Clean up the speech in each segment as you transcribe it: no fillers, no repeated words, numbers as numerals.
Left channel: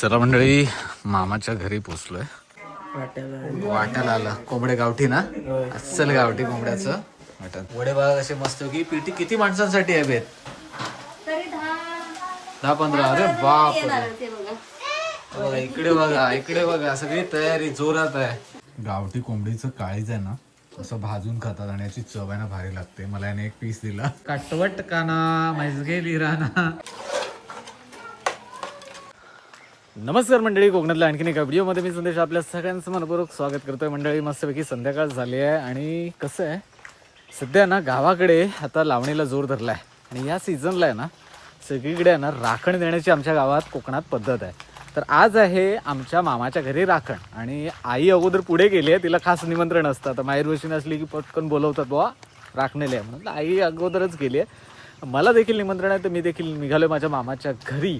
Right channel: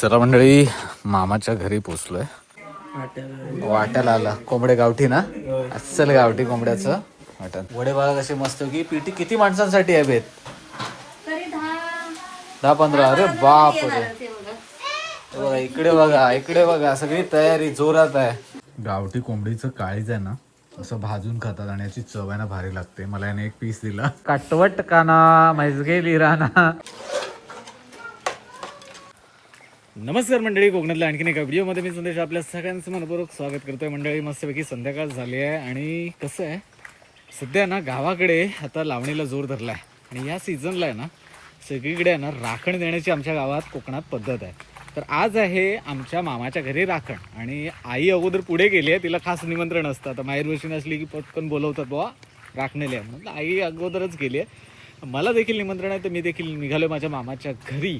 चला मंडळी, मामाच्या घरी पोचलोय. वाट्याला आला कोंबडे गावठी ना, अस्सल गावठी कोंबड्याचं वाटण. वडे बघा कसे मस्त की. पीठी किती माणसांसाठी आहे बेत? 10-15. अरे बाप रे. बघा इकडे बघा, इकडे बघा, सगळी तयारी जोरात आहे. गावठी कोंबडीचं काळीज आहे ना, असं भाजून खातात आणि याची चव आहे ना भारी लागते. मला याने एक पीस दिला. काटवट काना मैजगे लिराना. नमस्कार मंडळी, कोकणातल्या आणखीन एका व्हिडिओमध्ये मी संदेश आपल्या सगळ्यांचं मनपूर्वक स्वागत करतोय. मंडळी मस्तपैकी संध्याकाळ झाली आहे आणि कसं आहे सध्या ना गावाकडे आता लावणीला जोर धरला आहे आणि या सीझनला आहे ना सगळीकडे आहे ना राखण देण्याची आमच्या गावात कोकणात पद्धत आहे. तर आज आहे आमच्या मामाच्या घरी राखण आणि आई अगोदर पुढे गेली आहे. तिला खास निमंत्रण असतं. आता माहेर बशीन असली की पटकन बोलवतात बुवा राखणेले म्हणून आई अगोदरच गेली आहे. मला देखील निमंत्रण आहे तर मी देखील निघालो माझ्या मामाच्या घरी.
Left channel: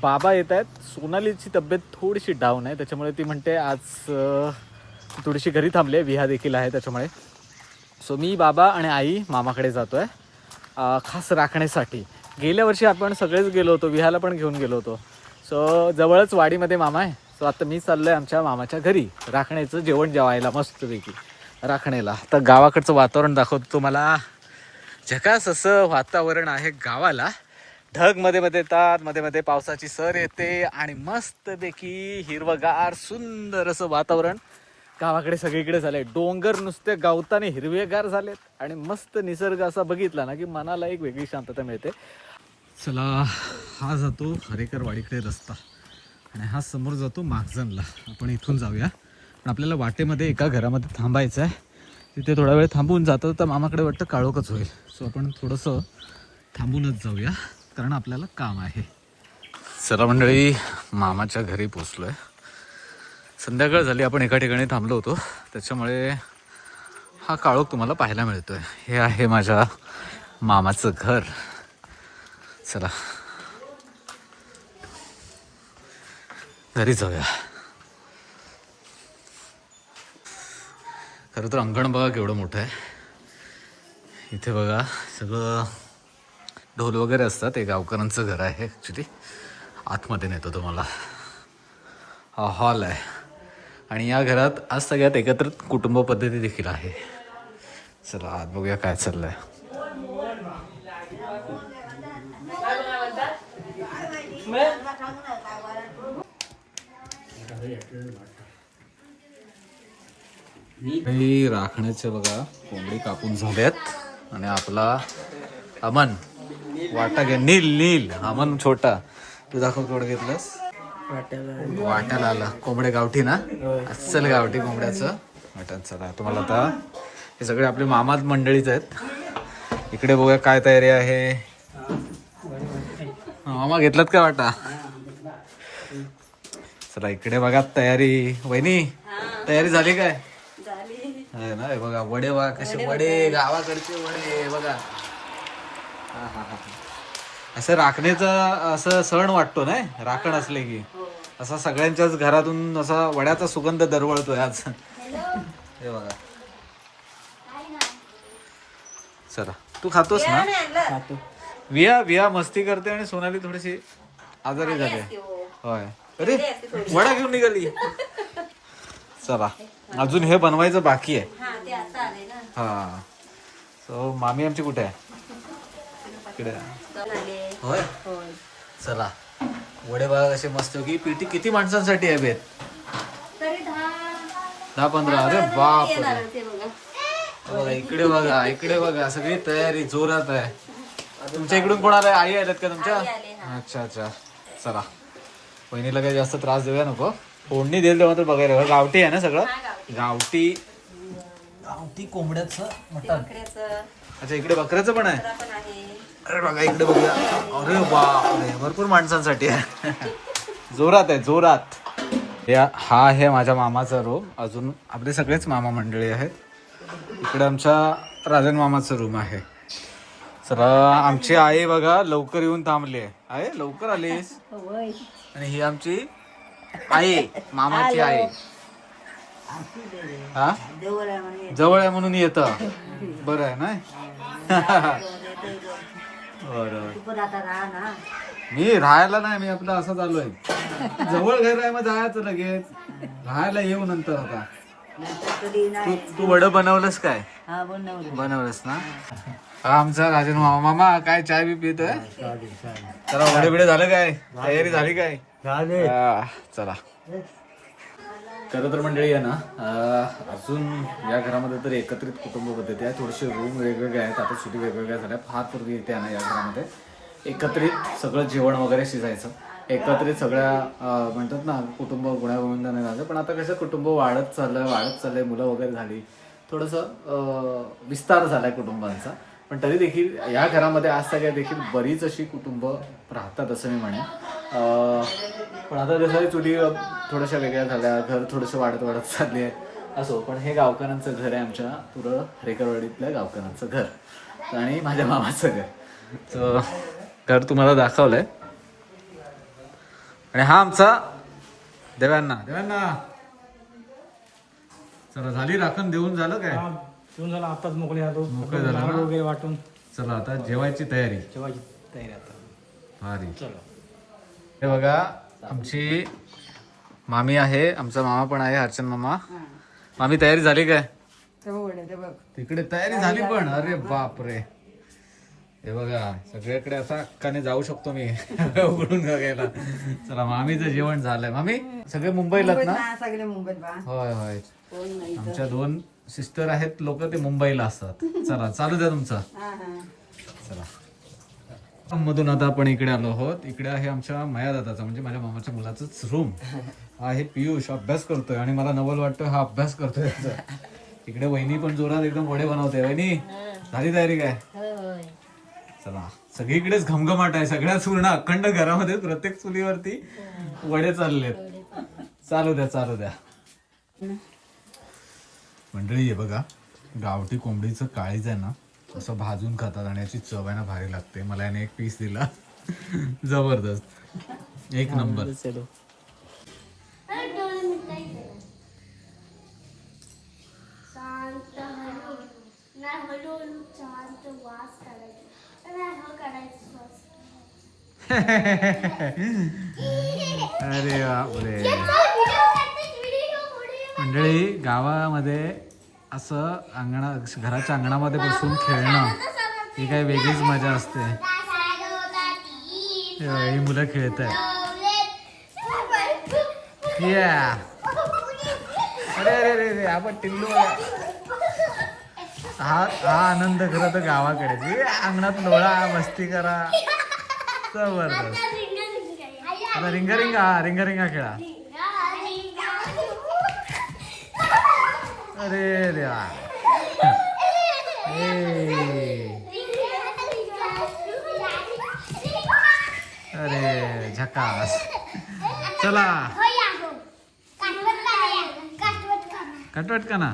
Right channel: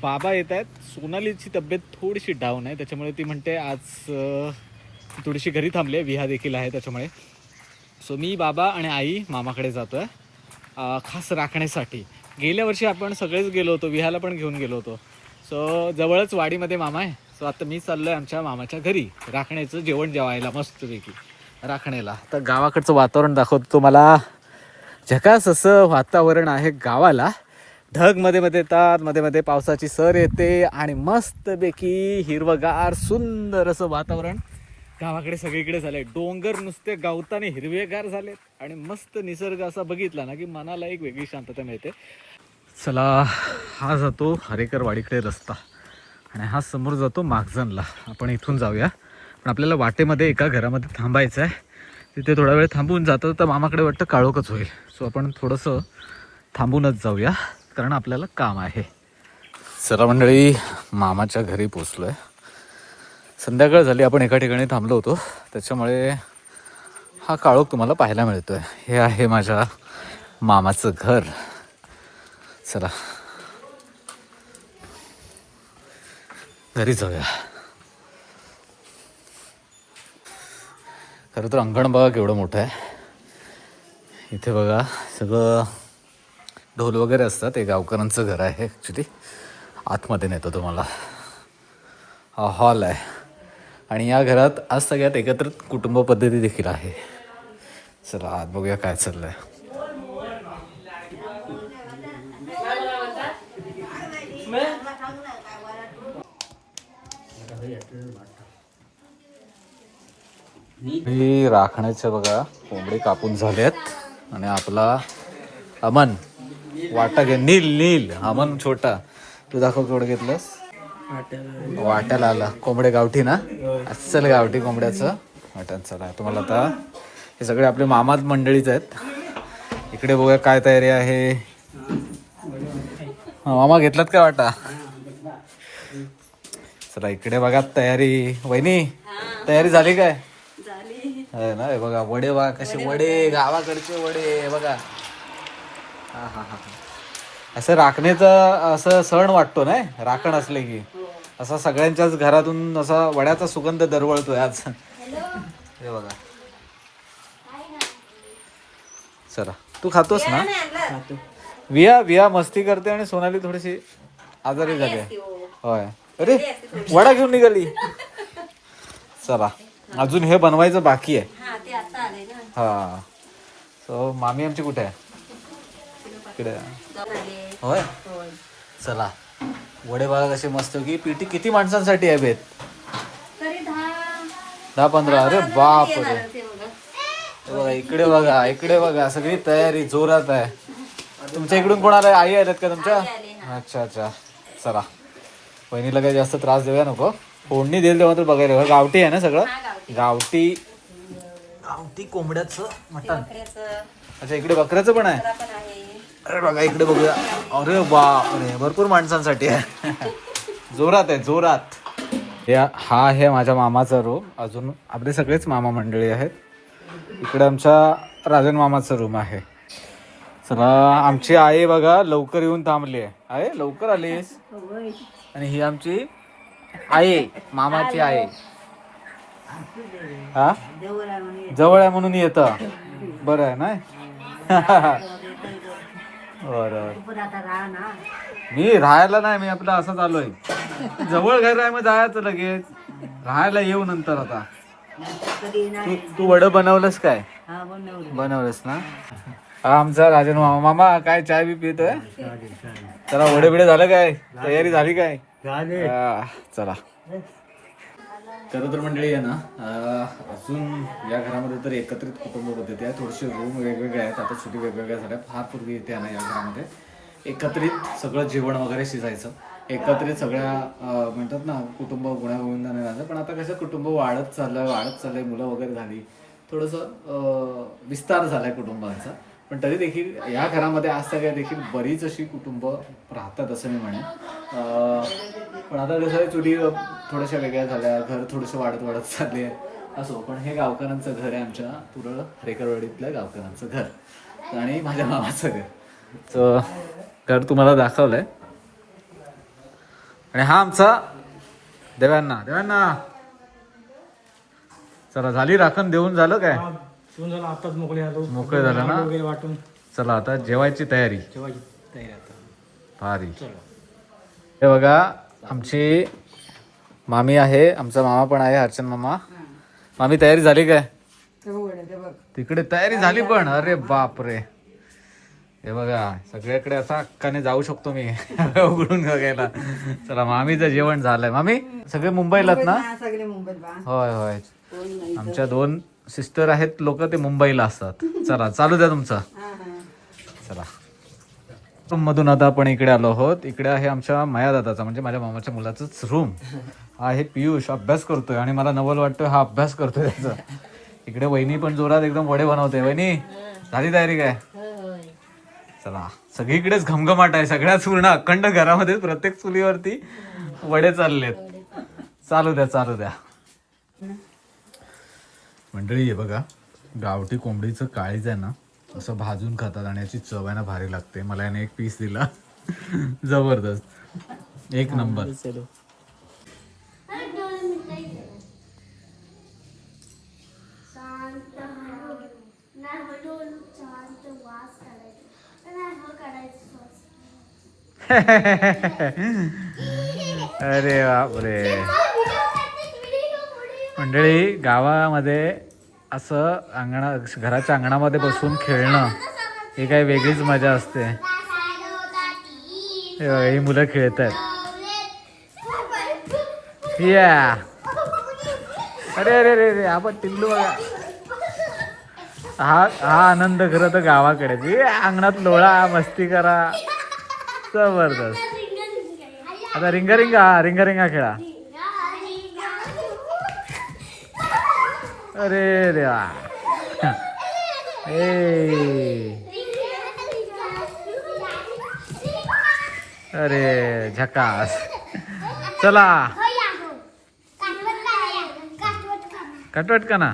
बाबा येत आहेत. सोनालीची तब्येत थोडीशी डाऊन आहे त्याच्यामुळे ती म्हणते आज थोडीशी घरी थांबली आहे. विहा देखील आहे त्याच्यामुळे. सो मी बाबा आणि आई मामाकडे जातो आहे खास राखण्यासाठी. गेल्या वर्षी आपण सगळेच गेलो होतो, विहाला पण घेऊन गेलो होतो. सो जवळच वाडीमध्ये मामा आहे. सो आता मी चाललो आहे आमच्या मामाच्या घरी राखण्याचं जेवण जेवायला मस्तपैकी राखणेला. तर गावाकडचं वातावरण दाखवतो तुम्हाला. झकास असं वातावरण आहे गावाला. ढग मध्ये मध्ये येतात, मध्ये मध्ये पावसाची सर येते आणि मस्तपैकी हिरवगार सुंदर असं वातावरण गावाकडे सगळीकडे झालंय. डोंगर नुसते गावताने हिरवेगार झालेत आणि मस्त निसर्ग असा बघितला ना की मनाला एक वेगळी शांतता मिळते. चला, हा जातो हरेकरवाडीकडे रस्ता आणि हा समोर जातो मागजनला. आपण इथून जाऊया. पण आपल्याला वाटेमध्ये एका घरामध्ये थांबायचं आहे. तिथे थोडा वेळ थांबून जातं तर मामाकडे वाटतं काळोखच होईल. सो आपण थोडंसं थांबूनच जाऊया कारण आपल्याला काम आहे. चला मंडळी, मामाच्या घरी पोचलोय. संध्याकाळ झाली, आपण एका ठिकाणी थांबलो होतो त्याच्यामुळे हा काळोख तुम्हाला पाहायला मिळतोय. हे आहे माझ्या मामाचं घर. चला घरी जाऊया. खरं तर अंगण बघा केवढं मोठं आहे. इथे बघा सगळं ढोल वगैरे असतात. हे गावकऱ्यांचं घर आहे ॲक्च्युली. आतमध्ये नेतो तुम्हाला. हा हॉल आहे आणि या घरात आज सगळ्यात एकत्रित कुटुंब पद्धती देखील आहे. चला आत बघूया काय चाललंय. ही राखण्याच्या बघा कोंबडी कापून झाल्यात आणि आपला अमन वाटा घे. नील नील अमन छोटा, तू दाखव केवढं घेतलंस. वाट्याला आला कोंबडे गावठी ना, अस्सल गावठी कोंबड्याचं वाटण. चला तुम्हाला आता हे सगळे आपले मामा मंडळीच आहेत. इकडे बघूया काय तयारी आहे. मामा घेतलात का वाटा? चला इकडे बघा तयारी. वहिनी तयारी झाली काय? आहे ना. हे बघा वडे बघा कसे वडे, गावाकडचे वडे बघा. असं राखण्याचा असं सण वाटतो ना राखण असले की. असा सगळ्यांच्याच घरातून असा वड्याचा सुगंध दरवळतोय आज. हे बघा. चला तू खातोस ना? विया विया मस्ती करते आणि सोनाली थोडीशी आजारी झाली. होय. अरे वडा घेऊन निघाली. चला अजून हे बनवायचं बाकी आहे. हा. सो मामी आमची कुठे आहे? इकडे. होय. चला वडे बघा कसे मस्त की. पीठी किती माणसांसाठी आहे बेत? 10-15. अरे बाप रे. बघा इकडे बघा, इकडे बघा, सगळी तयारी जोरात आहे. तुमच्या इकडून कोणाला आई आल्यात का तुमच्या? अच्छा अच्छा. चला बहिणीला काही जास्त त्रास देऊया नको. फोडणी देईल तेव्हा तर बघायला. गावठी आहे ना सगळं? गावठी गावठी कोंबड्याचं मटण. अच्छा इकडे बकऱ्याचं पण आहे. अरे बघा इकडे बघूया. अरे बापरे, भरपूर माणसांसाठी आहे. जोरात आहे जोरात. हा आहे माझ्या मामाचा रूम. अजून आपले सगळेच मामा मंडळी आहेत. इकडे आमच्या राजन मामाचा रूम आहे. चला आमची आई बघा लवकर येऊन थांबली आहे. आहे लवकर आलीस. आणि ही आमची आई, मामाची आई. हा जवळ आहे म्हणून येतं. बरं आहे ना. बरं मी राहायला नाही, मी आपलं असं चालू जवळ घर आहे, मग जायचं लगेच. राहायला येऊ नंतर. आता तू वडं बनवलंस काय? बनवलंस ना. हा आमचा राजन मामा. मामा काय चाय बी पितोय? चला वडे बिडे झालं काय? तयारी झाली काय? चला. खरं तर मंडळी आहे ना, अजून या घरामध्ये तर एकत्रित कुटुंब पद्धती आहे. थोडेसे रूम वेगवेगळे आहेत, आता सुटी वेगवेगळ्या झाल्या. फार पूर्वी येते ना या घरामध्ये एकत्रित सगळं जेवण वगैरे शिजायचं, एकत्रित सगळ्या म्हणतात ना कुटुंब गुण्यागोविंदाने राहायचं. पण आता कसं कुटुंब वाढत चाललंय, मुलं वगैरे झाली, थोडंसं विस्तार झालाय कुटुंबांचा. पण तरी देखील या घरामध्ये आज सगळ्या देखील बरीच अशी कुटुंब राहतात असं मी म्हणेन. पण आता जसं चुली थोड्याशा वेगळ्या झाल्या, घर थोडंसं वाढत चालले असो. पण हे गावकऱ्यांचं घर आहे, आमच्या पुरं रेकरवाडीतल्या गावकऱ्यांचं घर आणि माझ्या मामाचं घर. तर घर तुम्हाला दाखवलंय. आणि हा आमचा देवांना. चला झाली राखण देऊन झालं काय? आताच मोकळे झालं ना वगैरे वाटून. चला आता जेवायची तयारी. आता भारी. हे बघा आमची मामी आहे, आमचा मामा पण आहे, हर्षन मामा. मामी तयारी झाली काय? तिकडे तयारी झाली पण. अरे बाप रे. हे बघा सगळ्याकडे असा हक्काने जाऊ शकतो मी उघडून बघायला. चला मामीचं जेवण झालंय. मामी सगळे मुंबईलात ना? सगळे मुंबईत. होय होय. आमच्या 2 सिस्टर आहेत, लोक ते मुंबईला असतात. चला चालू द्या तुमचं. चला मधून आता आपण इकडे आलो आहोत. इकडे आहे आमच्या माया दादाचा म्हणजे माझ्या मामाच्या मुलाचाच रूम. हा आहे पियुष, अभ्यास करतोय आणि मला नवल वाटतोय हा अभ्यास करतोय त्याचा. इकडे वहिनी पण जोरात एकदम वडे बनवते. वहिनी झाली तयारी काय? चला सगळीकडेच घमघमाट आहे, सगळ्याच पूर्ण अखंड घरामध्ये प्रत्येक चुलीवरती वडे चाललेत. चालू द्या. मंडळी हे बघा गावठी कोंबडीचं काळीज आहे ना, असं भाजून खातात आणि याची चव आहे ना भारी लागते. मला याने एक पीस दिला जबरदस्त, एक नंबर. अरे बापरे. मंडळी गावामध्ये असं घराच्या अंगणामध्ये बसून खेळणं ही काही वेगळीच मजा असते. ही मुलं खेळत आहेत. अरे आपण टिल्लू. हा आनंद खरं तर गावाकडे अंगणात लोळा मस्ती करा जबरदस्त. आता रिंगा खेळा. अरे देवा. अरे झकास. चला कटवट काना.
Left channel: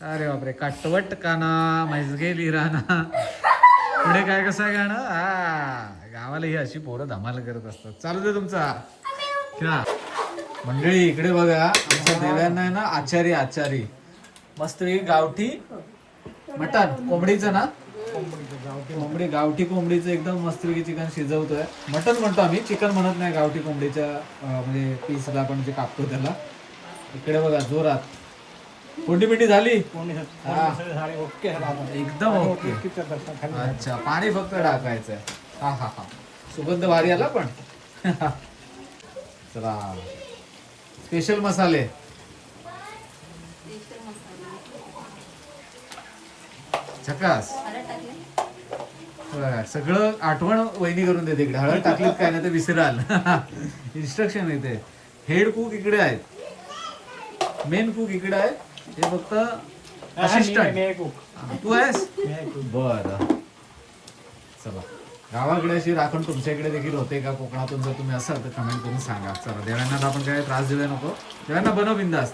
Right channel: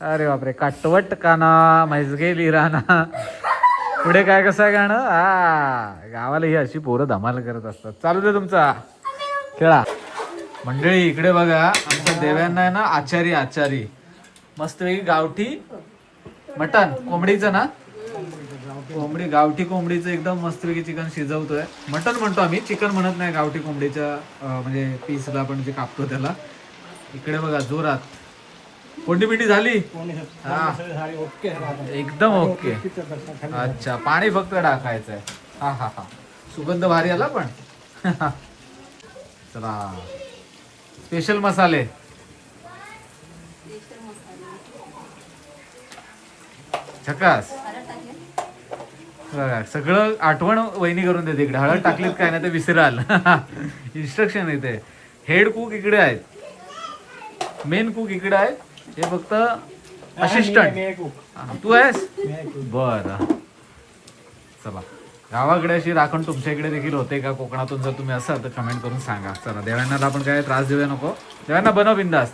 अरे बापरे काटवट काना मैजगेली राना. पुढे काय कसं आहे गाणं? गावाला ही अशी पोरं धमाल करत असतात. चालू दे तुमचा खेळा. मंडळी इकडे बघा आमच्या देव्यांना आहे ना आचारी मस्त गावठी मटण कोंबडीचं ना, गावठी कोंबडीचं एकदम मस्तपैकी चिकन शिजवतोय. मटण म्हणतो आम्ही, चिकन म्हणत नाही. गावठी कोंबडीच्या म्हणजे पीसला आपण जे कापतो त्याला. इकडे बघा जोरात कोंडी पिंडी झाली एकदम ओके. अच्छा पाणी फक्त टाकायचंय. हा सुगंध भारी आला पण. चला स्पेशल मसाले. झकास. सगळं आठवण वहिनी करून देते. इकडे हळद टाकलीत काय नाही तर विसराल. इन्स्ट्रक्शन येते. हेड कुक इकडे आहेत, मेन कुक इकडे आहे, हे फक्त असिस्टंट. तू आहेस बर. चला गावाकडे अशी राखण तुमच्या इकडे देखील होते का कोकणातून? जर तुम्ही असाल तर कमेंट करून सांगा. चला देवांना आपण काय त्रास देऊया नको. देवांना बनव बिंदास.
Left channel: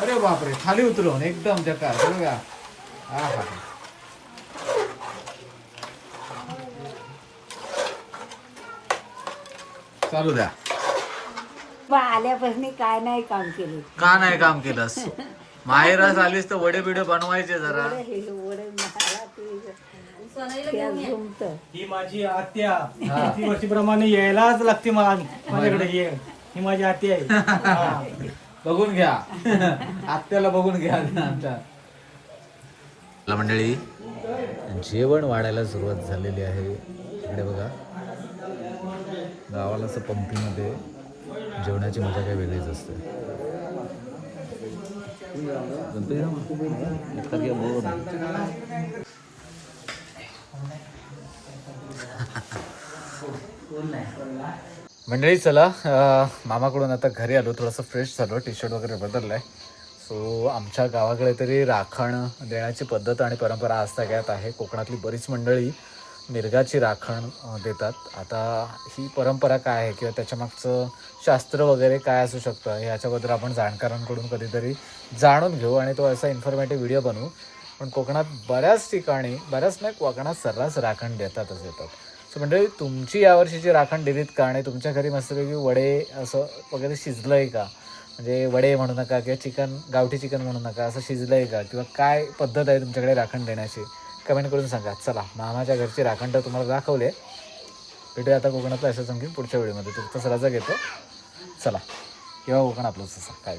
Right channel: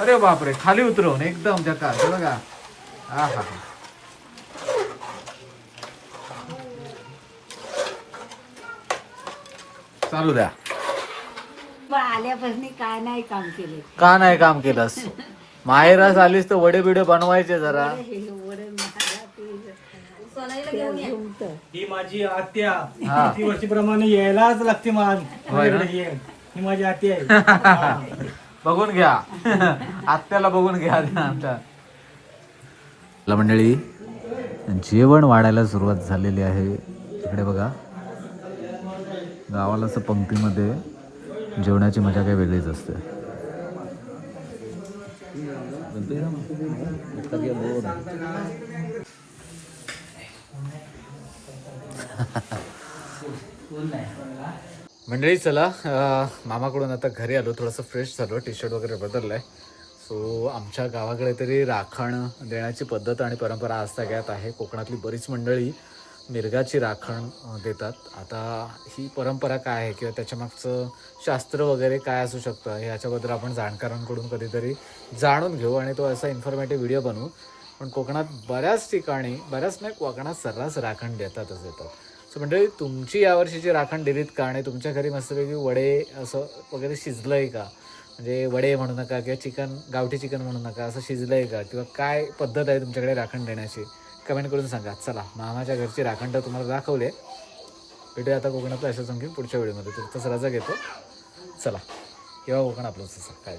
अरे बापरे खाली उतरवून एकदम जकास बघा. हा चालू द्या. आल्यापासून काय नाही काम केलं. का नाही काम केलंस? माहेरास आलीस तर वडे बिडे बनवायचे जरा. त्या झुमत ही माझी आत्या किती वर्षीप्रमाणे यायलाच लागते मला माझ्याकडे ये. ही माझी आत्या आहे हा. बघून घ्या आत्याला बघून घ्या आमच्या मंडळी. जेवण वाढायला सुरुवात झालेली आहे. इकडे बघा गावाला असं पंक्तीमध्ये जेवणाची मजा काही वेगळीच असते. मंडळी चला मामाकडून आता घरी आलो, थोडंसं फ्रेश झालो, टी शर्ट वगैरे बदललाय. सो आमच्या गावाकडे तरी राखण देण्याची पद्धत आणि परंपरा आजतागायत आहे. कोकणातली बरीच मंडळी मिरगाची राखण देतात. आता ही परंपरा काय आहे किंवा त्याच्यामागचं शास्त्र वगैरे काय असू शकतं ह्याच्याबद्दल आपण जाणकारांकडून कधीतरी जाणून घेऊ आणि तो असा इन्फॉर्मेटिव्ह व्हिडिओ बनवू. पण कोकणात बऱ्याच ठिकाणी, बऱ्याच नाही, कोकणात सर्रास राखण देतातच देतात. सो मंडळी तुमची यावर्षीची राखण दिलीत का आणि तुमच्या घरी मस्तपैकी वडे असं वगैरे शिजलं आहे का? म्हणजे वडे म्हणू नका किंवा चिकन, गावठी चिकन म्हणू नका, असं शिजलं आहे का? किंवा काय पद्धत आहे तुमच्याकडे राखण देण्याची कमेंट करून सांगा. चला मामाच्या घरची राखण तर तुम्हाला दाखवले. भेटूया आता कोकणातलं असं सांगेन पुढच्या व्हिडिओमध्ये. तुमचा रजा घेतो. चला किंवा कोकण आपलंच असं काय